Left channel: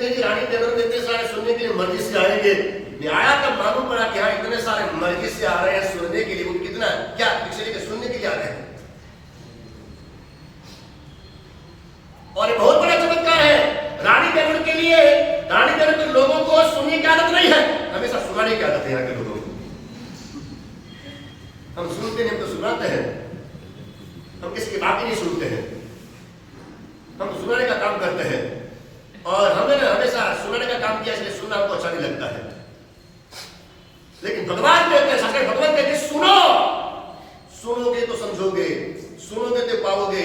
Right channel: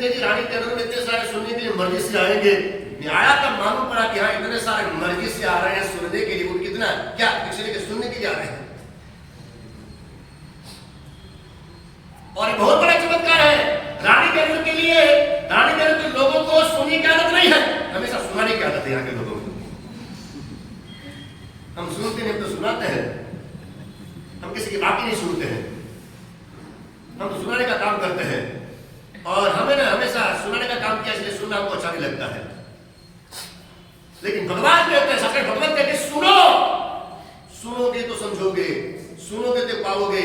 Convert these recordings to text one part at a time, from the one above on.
नहीं जी रानी टेलर में इतने सारे सुनने के लिए मर्जी से आएंगे। मैं आया तब मालूम पड़ा कि हाँ इतने सारे मर्जी से आ रहे हैं सुनने के लिए। वो कितना क्या डिक्शनरी के सुनने के लिए आ रहे हैं। और ये बहुत बड़ा चमत्कार है रानी टेलर के लिए। रानी टेलर के लोगों को सुनने की आदत नहीं है, हमेशा सुनाने की आदत है यहाँ के लोगों को। हम सुनते हैं तो सुनाते हैं, हम किसी की बात ही नहीं सुनते हैं, हम तो सुनाने का काम करते हैं। और हमें ना हमेशा सुनाने का काम किया इसलिए सुनना हमको अच्छा नहीं लगता है। लेकिन भगवान कहते हैं, सच भगवान कहते हैं सुनो, सुनोगे तो समझोगे, सुनोगे तो पाओगे,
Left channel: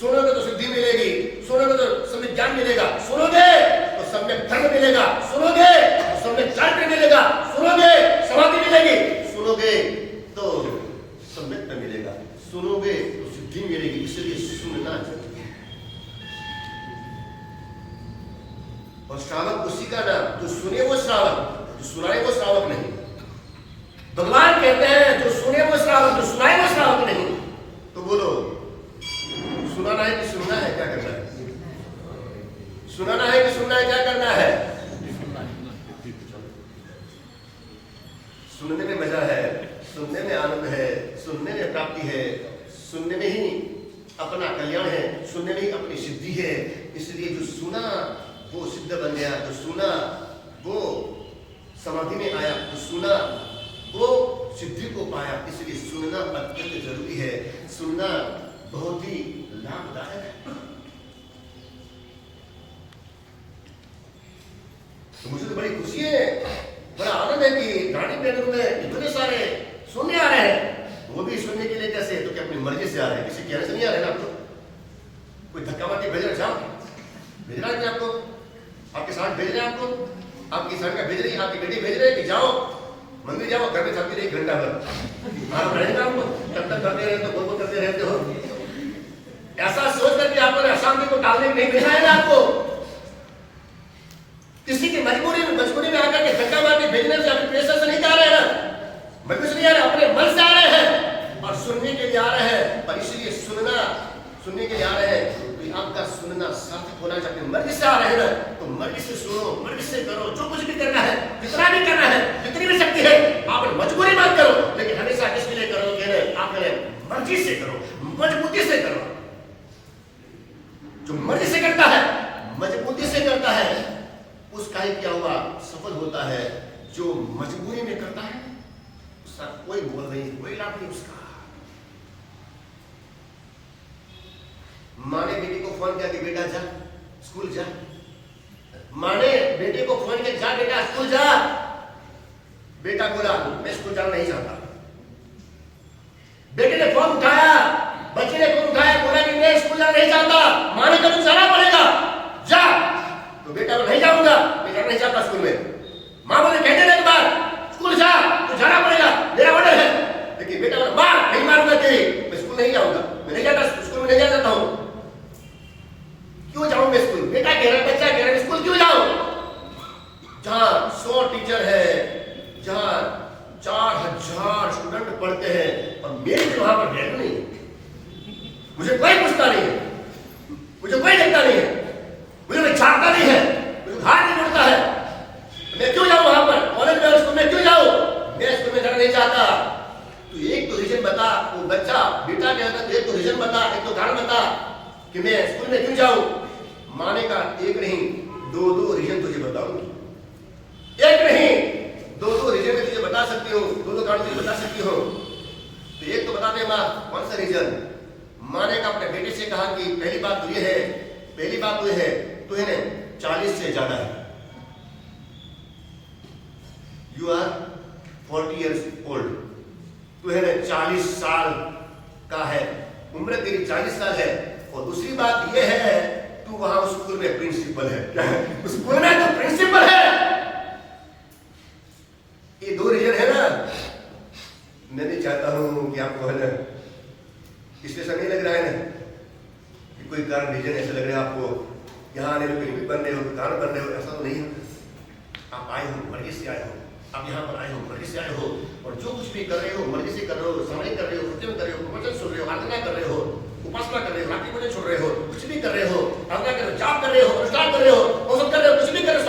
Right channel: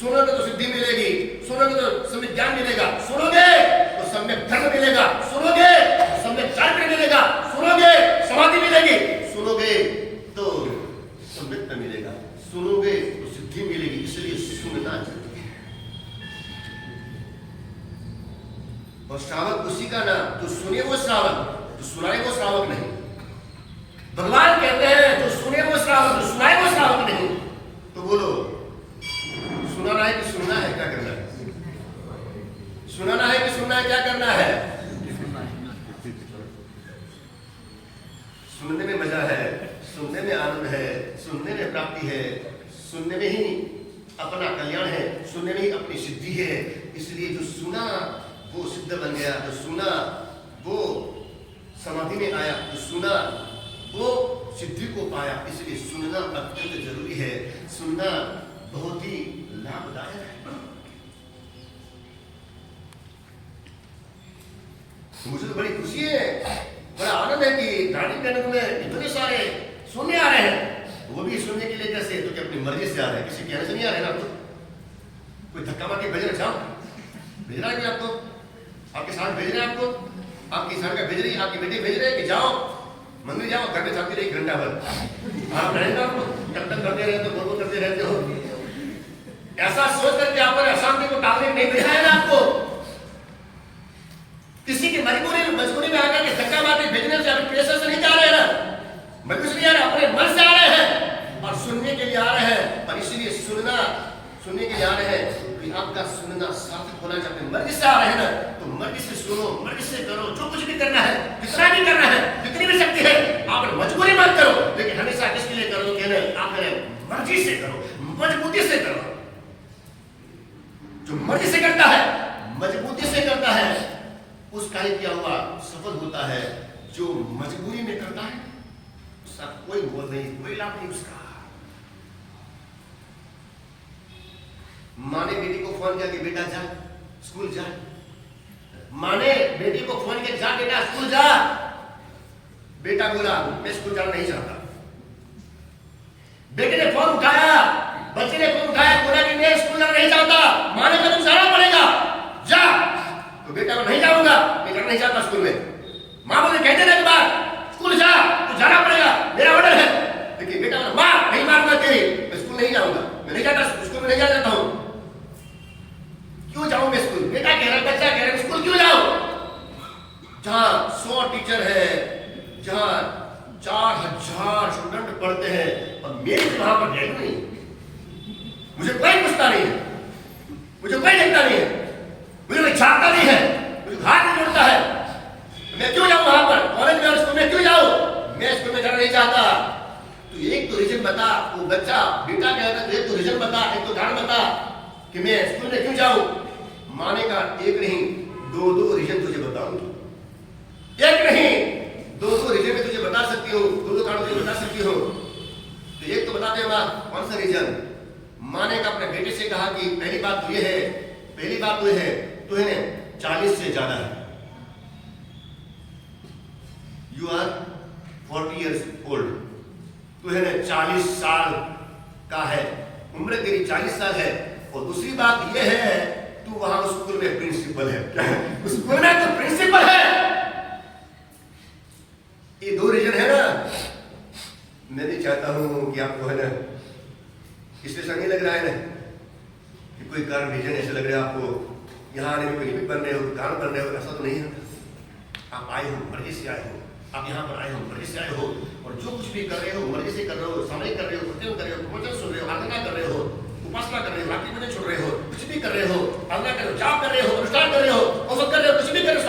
सुनोगे तो सिद्धि मिलेगी, सुनोगे तो सम्यक ज्ञान मिलेगा, सुनोगे तो सम्यक धर्म मिलेगा, सुनोगे तो सम्यक चारित्र मिलेगा, सुनोगे समाधि मिलेगी, सुनोगे तो सम्यक मिलेगा, सुनोगे तो सिद्धि मिलेगी। इसलिए सुनना चाहिए। और श्रावक उसी का नाम, जो सुने वो श्रावक, जो सुनाए वो श्रावक नहीं। भगवान कहते हैं जो सुने वो श्रावक, जो सुनाए वो श्रावक नहीं। तो बोलो सुनाना है कि सुनना है, क्या करना है? सुनाना है कि सुनना है, क्या करना है? सुनने में मजा है, सुनने में आनंद है, सुनने में प्राप्ति है, सुनने में ही अपना कल्याण है, सुनने में ही अपनी सिद्धि है। इसलिए जो सुना वो सिद्ध बन गया, जो सुना वो समाधि में आया, जो सुना वो सिद्धि को पाया। इसलिए सुनना अत्यंत जरूरी है, सुनना बहुत ही लाभदायक है। तो मुझे तो बड़ी खुशी है, बड़ा आनंद है कि रानी टेलर में इतने सारे सुनने आ रहे हैं। वो भी सुनने के लिए कैसे? तो कि अपनी मर्जी से आ रहे हैं, किसी कहने से नहीं आ रहे ना। आपको कोई धक्का मार के भेज रहे, जाओ भेज रहा है कोई आपको, आपके साथ भेज रहे हैं, आपको आपकी सरकार भेज रही है, आपकी बेटी भेज रहे हैं कि जाओ मंदिर जाओ, घर में चलती रही 1 घंटा भर आप रहेंगे, आपको जब तक करते रहे तो बोल करते रहते हो। ऐसा सोच करके आप अशांति को टालने नहीं भेजा है ना आपको। किसी की मजबूरी में आकर के धक्का मार के भेजने से, अपने प्रेशर से नहीं जा रहे हैं ना, मजबूरी से नहीं आ रहे, अपने मन से आ रहे हैं और सुनने के लिए आ रहे हैं। और इसीलिए सुनने के लिए आ रहे हैं तो आपका सुनना सार्थक होना चाहिए। अपनी मर्जी से आ रहे हैं ना तो मर्जी से सुनो, मर्जी से करो, जो कुछ भी करना है, जितना भी करना है, जितनी भी शक्ति है, आप मजबूरी मत करो, लेकिन हमेशा किसके लिए करोगे ना? आप मर्जी से करो, मजबूती से करो। जो मर्जी से करता है, मजबूती से करता है, उसका ही क्या हुआ सफल होता है। जो मजबूरी में करता है उसका कोई मोल नहीं, कोई लाभ नहीं उसका। माँ ने बेटी को फोन किया कि बेटा जा स्कूल जा, माँ ने बेटी को फोन किया जा बेटा स्कूल जा। बेटा बोला मैं स्कूल जाना नहीं चाहता। बेटे ने फोन उठाया, बच्चे ने फोन उठाया, बोला कि मैं स्कूल जाना नहीं चाहता। माँ ने कहा तुम जाना पड़ेगा, जा। तो बेटा को नहीं जाऊंगा, मैं जाना नहीं चाहता स्कूल में। माँ बोले कहने लगे बात स्कूल जा, तो जाना पड़ेगा, मेरा ऑर्डर है। लेकिन बेटा बोला माँ नहीं मारूंगा तेरी, मैं स्कूल नहीं जाऊंगा, मैं नहीं जाता स्कूल में, नहीं जा सकता हूँ। क्यों जाऊं मैं स्कूल? बेटा कह रहा, बच्चा कह रहा है स्कूल क्यों जाऊं? जहां 100 टीचर है, जहां 4000 स्टूडेंट पढ़ते हैं और मेरी वहां पर वैल्यू नहीं। मुझे कोई पूछता नहीं है, मुझे कोई देखता नहीं है, मुझे कोई छाटता नहीं है, मुझे हाथ नहीं जोड़ता है। मैं क्यों जाऊं वहां पर? कॉलेज में स्कूल में क्यों जाऊं? मैं स्कूल में जाना नहीं चाहता। तो एक तो रीजन बता। वो बच्चा बेटा कह रहा था एक तो रीजन बता, एक तो कारण बता कि मैं स्कूल में क्यों जाऊं। माने का एक नहीं 2 रीजन तुझे बताऊंगी, एक नहीं 2 रीजन में तुझे बता सकती हूँ, 2 कारण तुझे बता सकती हूँ। तो एक तो बताते माँ कौन सा रीजन? माँ ने अपने बेटे से कहा कि पहली बात तो ये है, पहली बात तो ये है तू है 40 से ज्यादा है, यू आर 40 years old, तू है 40 साल का है, उम्र तेरी 40 साल है। और दूसरी बात यह है तू वहां स्कूल में प्रिंसिपल है, स्कूल में तो प्रिंसिपल है। ये 2 रीजन है ना। मैं नहीं चाहता हूं कि आपको है ना इसलिए ऐसा नहीं लग रहा है ना कि कोई कारण रीजन ऐसा लग रहा है आपको यहाँ आने में कोई बन रहे हो, कारण बन रहे हो, ऐसा तो नहीं है। आप आए हो, मर्जी से आए हो, आप यहाँ पर आए हो, मर्जी से आए हो, और जो कुछ भी कर रहे हो मर्जी से कर रहे हो, सामने कर रहे हो, सत्संग कर रहे हो, प्रवचन सुन रहे हो, आराधना कर रहे हो, उपासना कर रहे हो, रात्रि भजन छोड़ रहे हो, कुछ भी कर रहे हो, आराधना कर रहे हो, जाप कर रहे हो, अनुष्ठान कर रहे हो, वो सब कर रहे हो, कुछ भी कर रहे हो,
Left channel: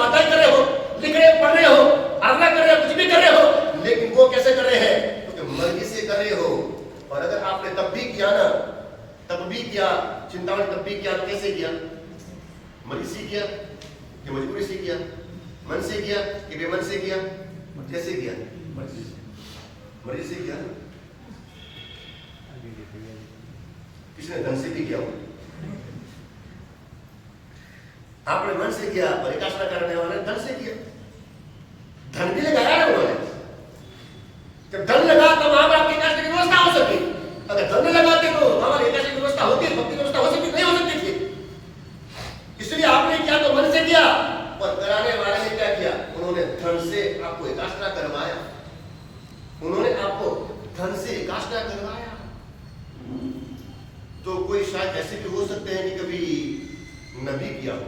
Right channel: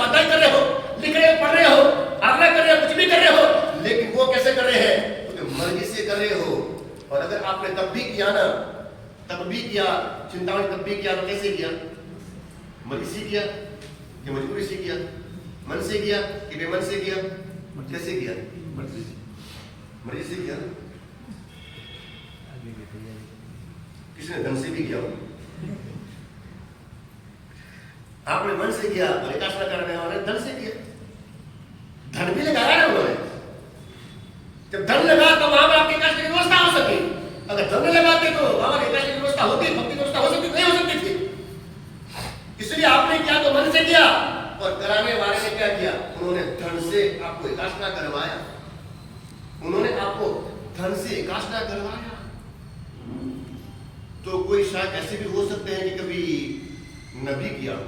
ये मजबूरी से किया, मन से किया कि बेमन से किया? कैसे किया? मर्जी से किया। किसने धन से भी किया? आपने मन से किया और एकाशना करने वाले धन से किया। धन भी लगाया है उन्होंने। जब धन लगा तो वहां पर आपकी एकाशना की व्यवस्था हो सके। अगर धन न लगाते तो वहां पर एकाशना की व्यवस्था होती, भक्ति की व्यवस्था हो सकती नहीं हो सकती थी। इसलिए आपने किया तो मन से किया और कराने वाले ने क्या किया? उन्होंने धन से आपको एकाशना करवाया। उन्होंने आपको धन से एकाशना करवाया। तो कोई शायद ऐसे भी हो सकते हैं कि कभी नबी किया हो,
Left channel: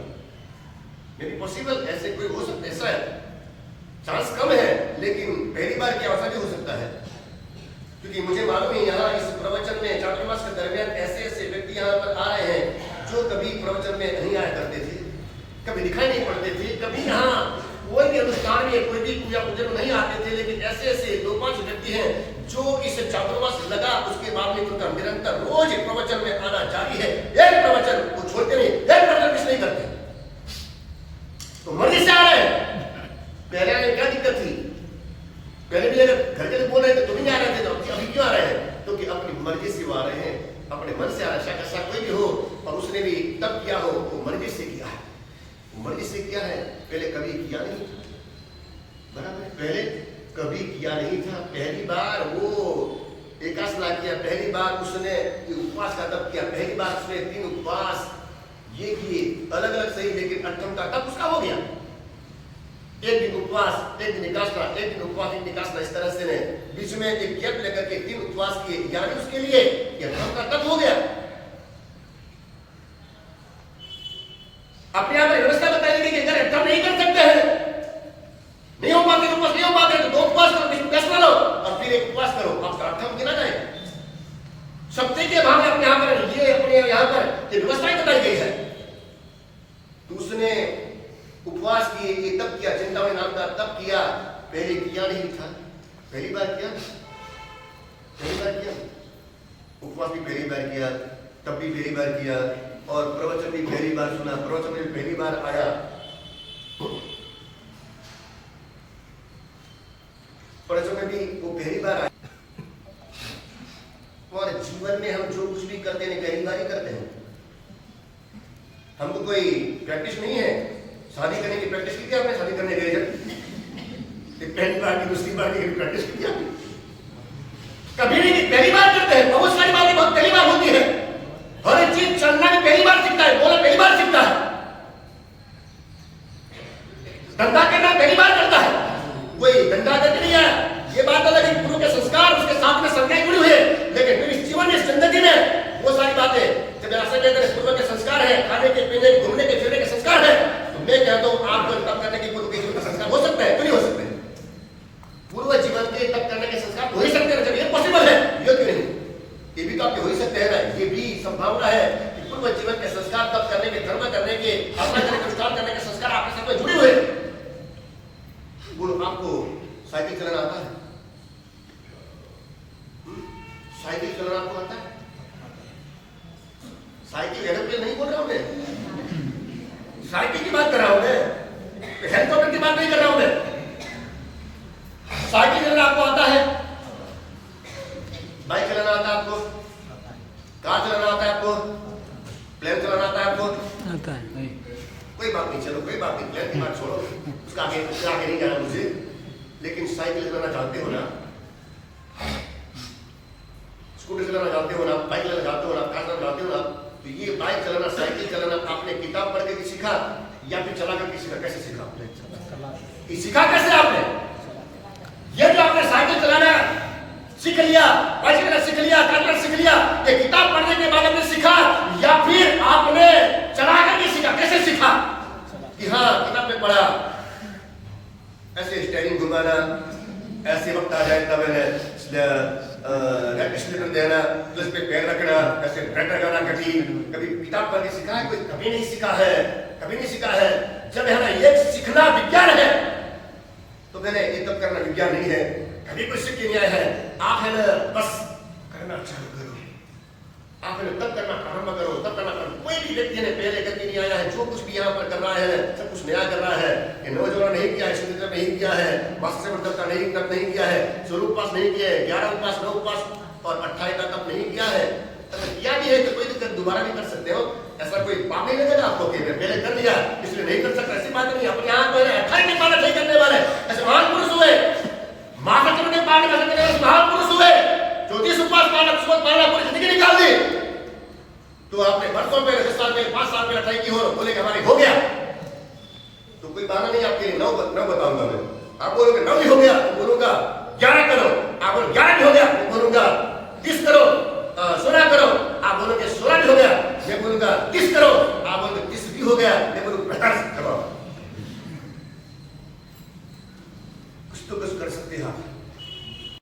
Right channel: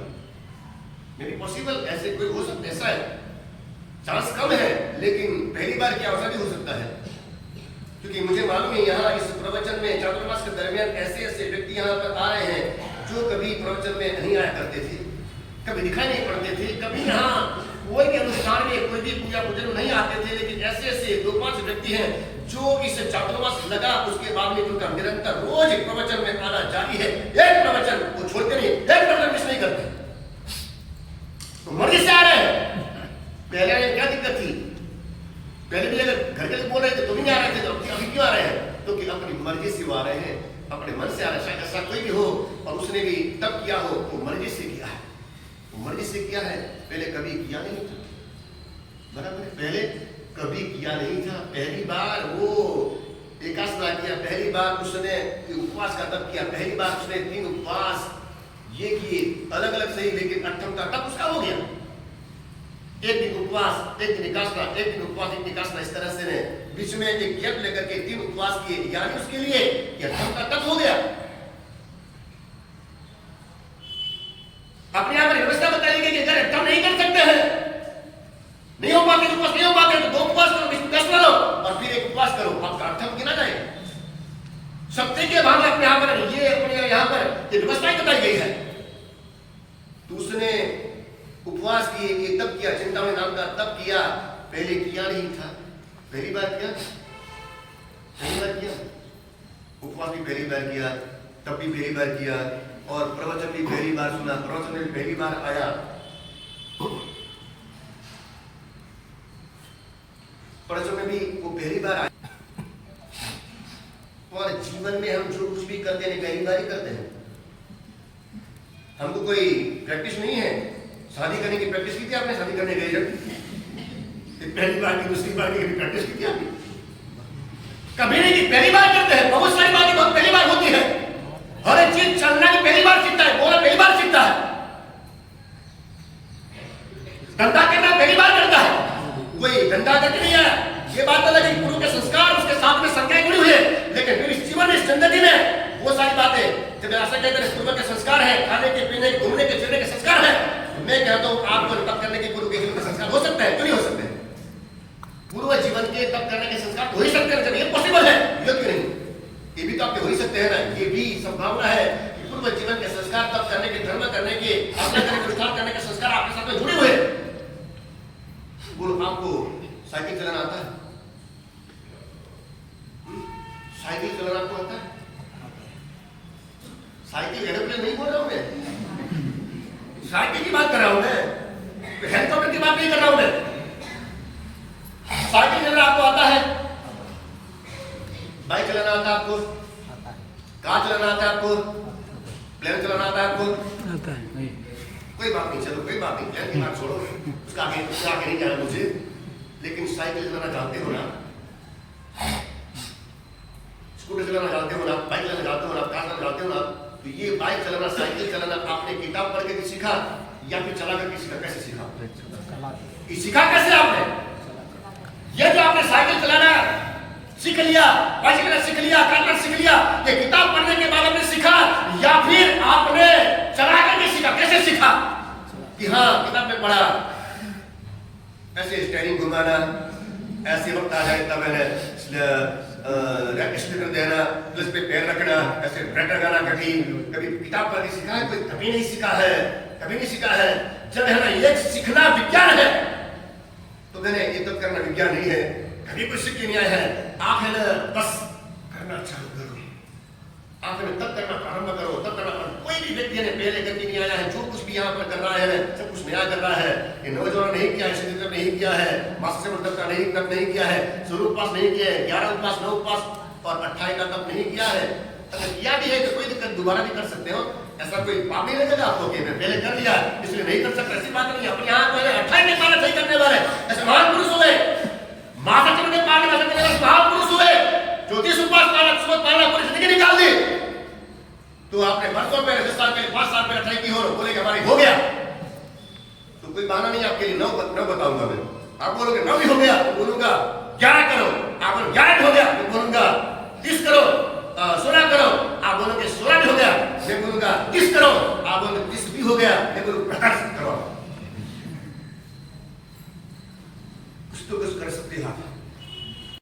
मे बी पॉसिबल, ऐसे कोई हो सकता है, ऐसा है, चांस कम है, लेकिन पहली बार क्या ऐसा भी हो सकता है। क्योंकि मुझे मालूम है यहाँ इस प्रवचन में चातुर्मास के दरमियान ऐसे ऐसे व्यक्ति यहाँ पर आ रहे हैं जो कभी प्रवचन में नहीं आया करते थे, कभी दिखाई नहीं पड़ते थे, कभी यहाँ कोई भी अनुष्ठान में कोई भी पूजा पूजन में नहीं आते थे। लेकिन ऐसे ऐसे 2-5 व्यक्ति हैं जो इस चातुर्मास लगा उसके बाद में उनका निरंतर रोज प्रवचन में आना जारी है। एक प्रवचन वो छोड़ते नहीं, एक प्रवचन मिस नहीं करते। तो मर्जी से आ रहे हैं। पहले आने क्या दिक्कत थी? पहले भी अगर घर के लोग बोल रहे थे तो भी नहीं आ रहे थे, तो अभी क्यों आ रहे हैं? क्योंकि अपनी मर्जी से वो आ रहे हैं, अपने मन से आ रहे हैं। ऐसा कोई भी हो और उसने भी तब किया हो, वो मर्जी से किया है, वो मर्जी से किया है। पहले कभी किया नहीं था, बराबर है, पहले कभी किया नहीं था। पहली बार वो एकाशना किया, पहली बार उसने उपवास का तब किया, पहली बार उसने 3 उपवास ये किए, अलग अलग सही, लेकिन 8वां का तब उसका हो गया। एक दिन उपवास, एक दिन एकाशना, एक दिन उपवास, एक दिन एकाशना, इस तरह से ने बीच में एक गैप लेकर के 3 उपवास किए, यानी उसके लिए यह 8वां का तब हो गया। अपने यहाँ पर व्यवस्था बताई गई कि अगर 8वां नहीं कर सकते हैं, नहीं हो पाते उपवास, नहीं हो पाते तो 2 उपवास करो, 3 फैसला लो और फिर 1 उपवास करो, आपका 8वां गिना जाएगा। सत्य के भाव में अपने यहाँ पर ये अपने यहाँ पर ये व्यवस्थाएं बताई गई है। तो उसने उपवास किए, ये तब किया, चिंतामणि नाम का तब किया, पहले किया नहीं था, पहली बार किया, पहली बार किया, उपवास भी पहली बार किया, तब भी पहली बार किया और प्रवचन भी पहली बार सुना, प्रवचन में पहली बार आया। प्रवचन में भी वो पहली बार आया। और जीवन में हम जो कुछ भी करते हैं पहली बार ही करते हैं। हमको कोई प्रैक्टिस नहीं है। शादी करने की प्रैक्टिस की थी आपने? शादी करने गए जब पहली बार की, दूसरी बार की प्रैक्टिस की थी आपने? कभी नहीं की, पहली बार करते हैं। बहुत सारी बातें बहुत पहली बार होती है। हर एक चीज चलना की पहली बार सीखता है, बोलना पहली बार सीखता है, धंधा करना पहली बार करता है। कोई धंधा करके नहीं आया, ये बात अलग है। गुरु के संस्कार उसके साथ में संख्याएं जुड़ी हुई है, लेकिन फिर इस जीवन में, इस जिंदगी में वो सारी बातें जब ऐसा कहते हैं पूर्व के संस्कार है, खाने के पीने के घूमने के फिरने के संस्कार है, तो मैं कहता हूँ आपको तप करने के पूर्व के जीवन के संस्कार हो सकते हैं, क्यों नहीं हो सकते? पूर्व जीवन के तप करने के संस्कार हो ही सकते हैं, जब ये पॉसिबल है, ये क्यों नहीं? ये भी तो आपके हो ही सकते हैं ना। ये भी संभावना है कि पूर्व जीवन के संस्कार, तप करने के, धर्म करने के, अपना करने के, अनुष्ठान करने के संस्कार आपके साथ में जुड़े हुए। बोलो, आपको साइकिल चलाना आता है? साइकिल चलाना आपको आता है? साइकिल एरोप्लेन नहीं बोल रहा हूं मैं, साइकिल की बात कर रहा हूं मैं, हेलीकॉप्टर की बात नहीं कर रहा हूं मैं। साइकिल चलाना आपको आता है? बाइक चलाना आता है आपको? कार चलाना आता है आपको? प्लेन चलाना आता है आपको? आता है। कोई बात नहीं, चलो कोई बात नहीं, प्लेन की बात छोड़ो, उसका आगे नहीं जाना मुझे। लेकिन साइकिल चलाना जानते हो ना, स्कूटर चलाना जानते हो ना, बाइक चलाना जानते हो ना, कार चलाना जानते हो ना। तो ये बाइक चलाना, साइकिल चलाना आपने किताब पढ़ के भी सीखा या फिर चला करके सीखा? कैसे सीखा? ये सीखा कैसे आपने? ये जो आपने साइकिल चलाना सीख लिया, बाइक चलाना सीख लिया, कार चलाना सीख लिया, ये किताब पढ़ने के बाद आपने सीखा या फिर आपने चला करके सीखा? कैसे सीखा? कि हाँ किताब में पढ़ा, ऐसे स्टेयरिंग घुमाना, ऐसे वक्त आ जाए तब स्टेशन देना, प्लस पे पैर रखना, ऐसे ब्रेक लगाना। कभी कभी किताब पढ़ के सीखा है? कोई कभी नहीं सीखा है, कभी नहीं सीखा है। जब है ना ये सीखना विज्ञान है, तो मैंने ये तब करना विज्ञान नहीं है, कभी कोई सीख के नहीं आया है। आप है ना बस करना चालू करो, आप तब करना प्रारंभ करो, तब करना प्रारंभ। कोई भी व्यक्ति ने पहले करके नहीं आया है, जो कुछ भी यहाँ पर कर रहा है ना, सब कुछ नया कर रहा है। ये नवजोड़ा नहीं किया है, शुद्ध नहीं किया है, मासिक तप का नहीं किया है, स्वरूप उपवास नहीं किया है, 11 उपवास 9 उपवास और 28 का तप नहीं किया है। अगर किया भी है तो कोई दिक्कत, दोबारा भी कर सकते हो, ऐसा कोई पाप नहीं लगेगा आपको कि मैं पहले कर लिया इसलिए नहीं कर सकता, ऐसी बात नहीं। अपने यहाँ पर 28 के पालन नहीं करने वाले ऐसे महान पुरुष हुए, मासिक के पालन करने वाले महान पुरुष हुए, 34 उपवास पालक सोच पालक पूरी जिंदगी निकाल दी। तो आपने वर्षों पहले 10 साल पहले 5 साल पहले ट्राई की हो, बोले कि हमारी हो गया, तो कोई बहाना नहीं आपके लिए। 9 बताऊंगा मैं, आप बोलोगे 9 भी हो गया तो बोलूंगा 11 करो, आप बोलोगे 11 भी हो गया तो बोलूंगा 30 करो, 16 करो, आप बोलोगे 16 भी हो गया मैं बोलूंगा 30 करो, आप बोलोगे 30 भी हो गया मैं बोलूंगा 50 करो। कुछ तो कुछ कर सकते हैं आप।